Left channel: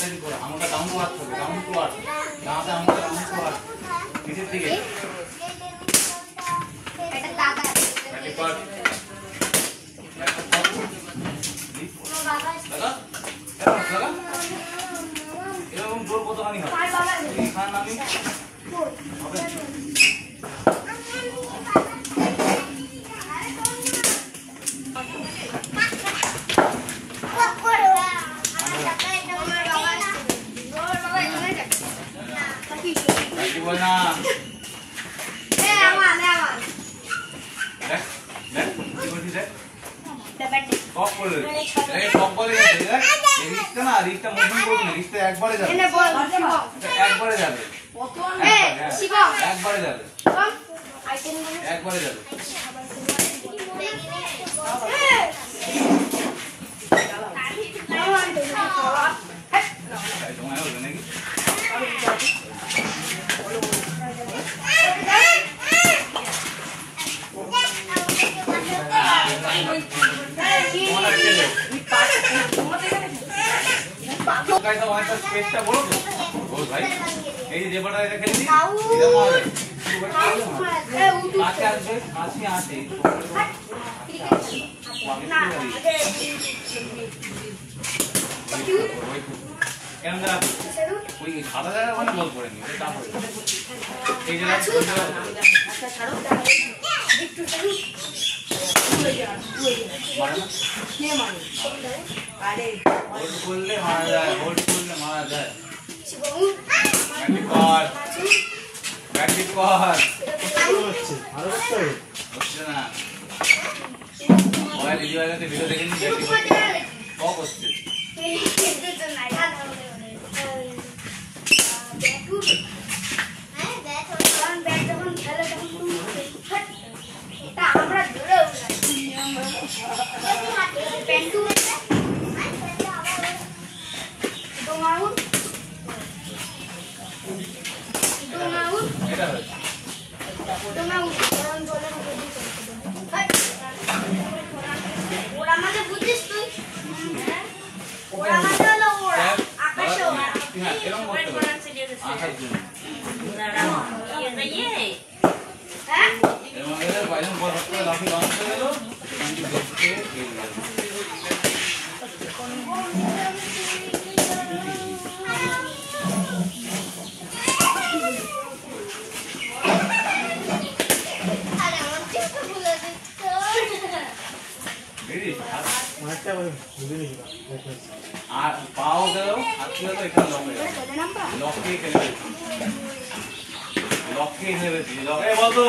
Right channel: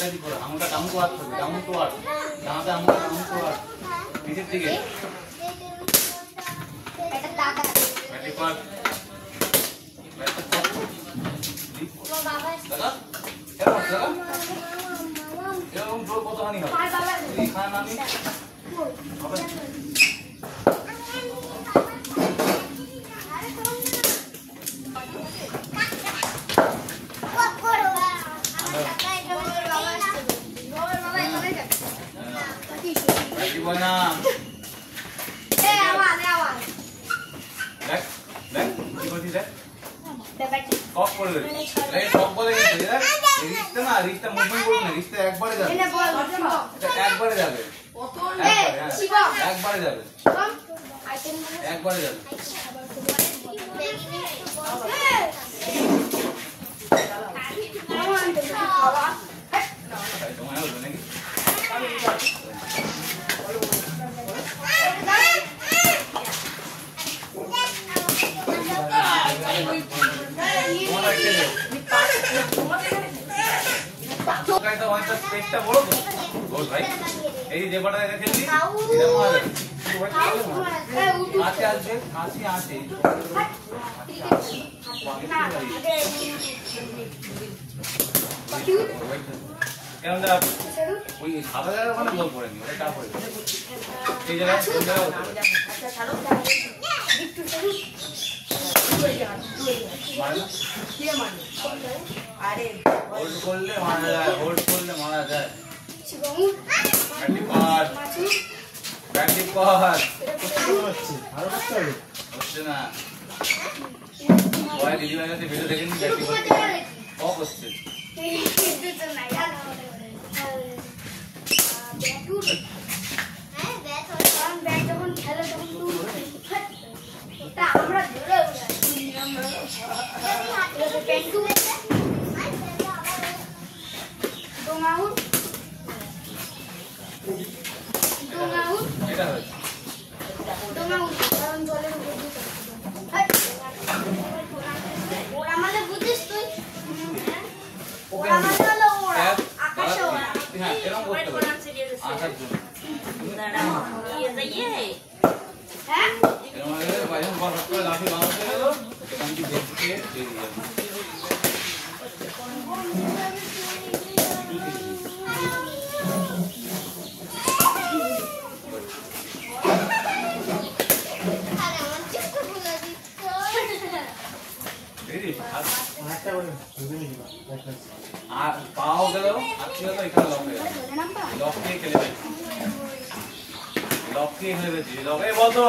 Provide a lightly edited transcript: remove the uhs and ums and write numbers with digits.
আঙুলটা করে আঙুলটা ডাউন টু আর্থ হবে, ডাউন টু আর্থ, ডানাতে আঙুলটা ডাউন টু আর্থ, নিচের দিকে ব্যাটি কর, ব্যাটি কর, লাগা লাগা, এরকম জোর কতখানি হয় এখানে আমি একবারে যাবে, একবারে যাবে, একবারে যাবে, একবারে যাবে। চেষ্টা বলো তো বল ভাই, এই যে পাটা রেখে দিই এটা মারবে, কাছে আসবে, কাছে আসে কেমন ওই সাদা জায়গা ওখানে বল পড়েনি, ওটা তারপরে এই জায়গায় হোল্ড করলে মারা যায়, হোল্ড করলে মারা যায়। ব্যাটি কর, ব্যাটি কর, হচ্ছে না ওই দিদি ভাইকে ভিডিও দেখে নি ব্যাটি করতে কম হচ্ছে। পাও গেল আজকে তো এখানে লক দিয়ে খেলে লক দিয়ে খেলে লক এ বল তো